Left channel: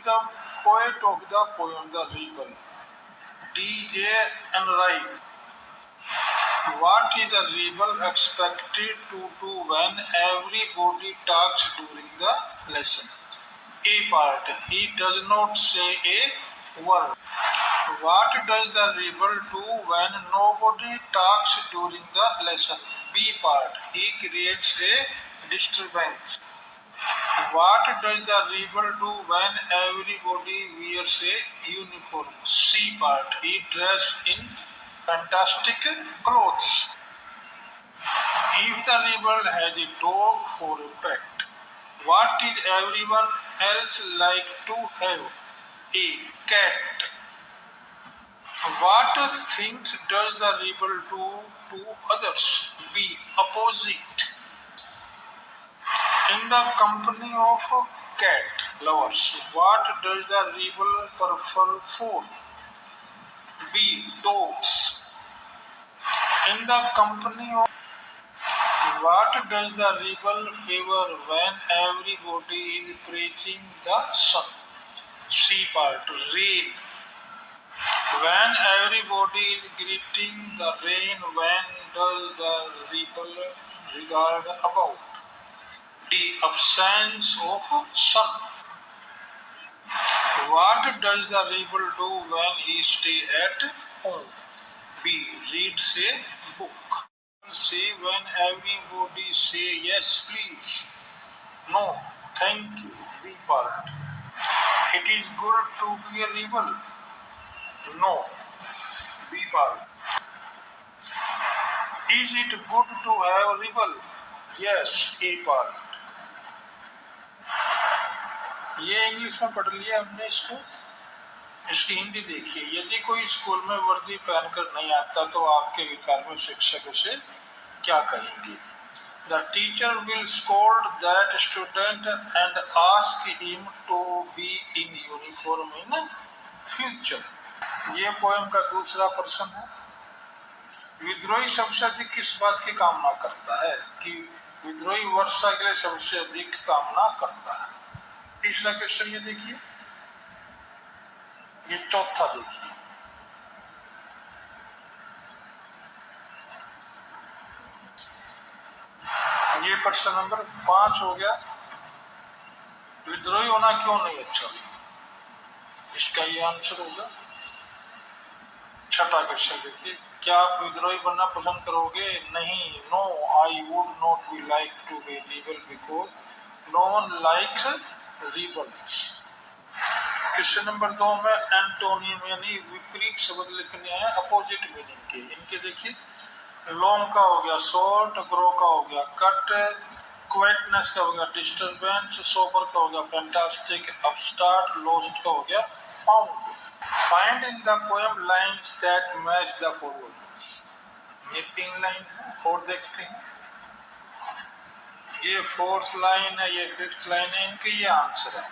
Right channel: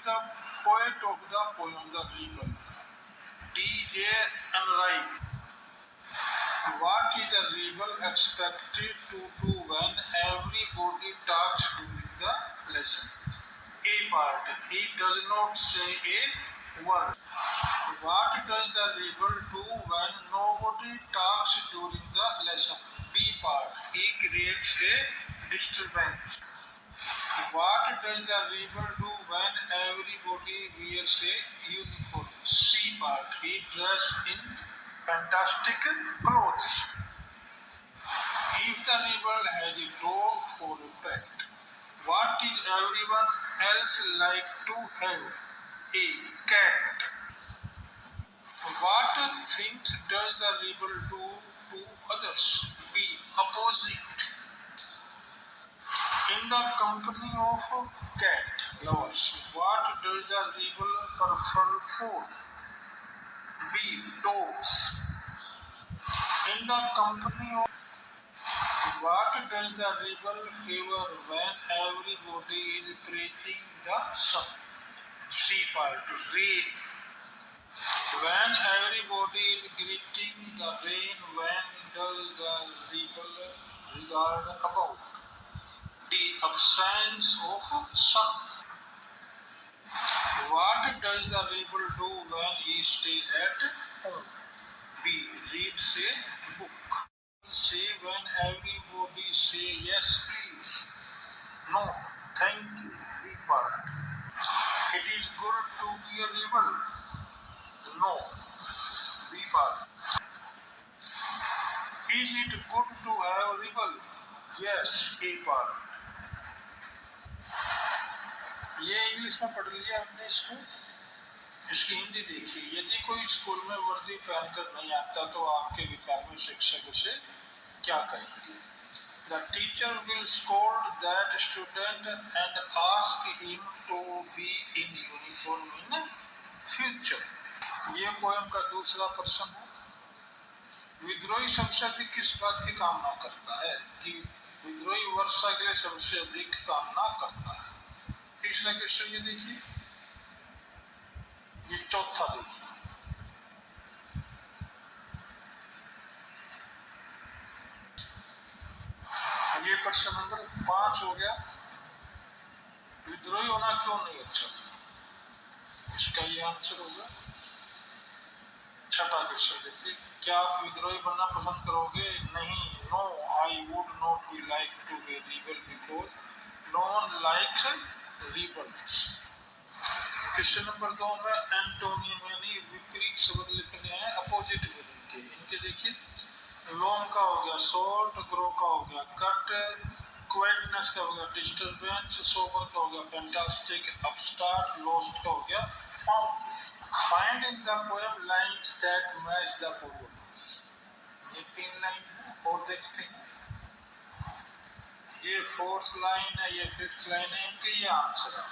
is the poet of the poem The Rebel? D.J. Enright. What is a rebel expected to do when everybody talks during the lesson? A part. He does not say a word. What does the rebel do when nobody talks during the lesson? B part. He creates a disturbance. What does the rebel do when everybody wears a uniform? C part. He dresses in fantastic clothes. If the rebel has a dog for a pet, what is everyone else like to have? A cat. What things does the rebel do to others? B. Opposite. In the company of cat lovers, what does the rebel prefer food? B. Dogs. In the company of what does the rebel favor when everybody is praising the sun? C part. Rain. When everybody is greeting the rain, when does the rebel regard about? D. Absence of sun. What does the rebel do when he stays at home? B. Reads a book. Say when everybody say yes please, no thank you. B part. It is good to be a rebel. No. B part. Is it good to have a rebel? Yes. A part. ये English में पढ़ लिया हमने इसको। इसकी हिंदी देखिए। यदि कोई स्कूल में वर्दी पहनकर नहीं आता तो आपके विकार में शिक्षक उसे क्या कहेंगे? The teacher will scold that student and ask him to be in uniform in future. ये पोएम का दूसरा प्रश्न है। विद्रोही सबसे अधिक किस बात की कामना करता है? कि विद्रोही वर्षा के लिए सबसे अधिक कामना करता है। तीसरा क्वेश्चन ये देखिए, ये चौथा देखिए। ये प्रश्न नंबर 5 हो गया। विद्रोही होना क्यों नहीं अच्छा? इसका ये आंसर होगा। छठा क्वेश्चन देखिए, क्या आप विद्रोही बनना पसंद करोगे? नहीं। No, I would not be like to be rebel because no one likes rebels. Question number 2 में एंटोनियम यानी विपरीत शब्द लिखने हैं अपोजिट मीनिंग के। इनके देखिए, लॉन्ग का हो गया शॉर्ट, ग्रो का हो गया कट, क्वाइटनेस का हो गया डिस्टर्बेंस, सोबर का हो गया फैंटास्टिक, अपस्टार्ट, लॉस्ट का हो गया found. Find in the poem lines that match the following. ये 3 लाइन है और देखते हैं। ये 4th लाइन है, ये 5th लाइन है, इनके ये आंसर है।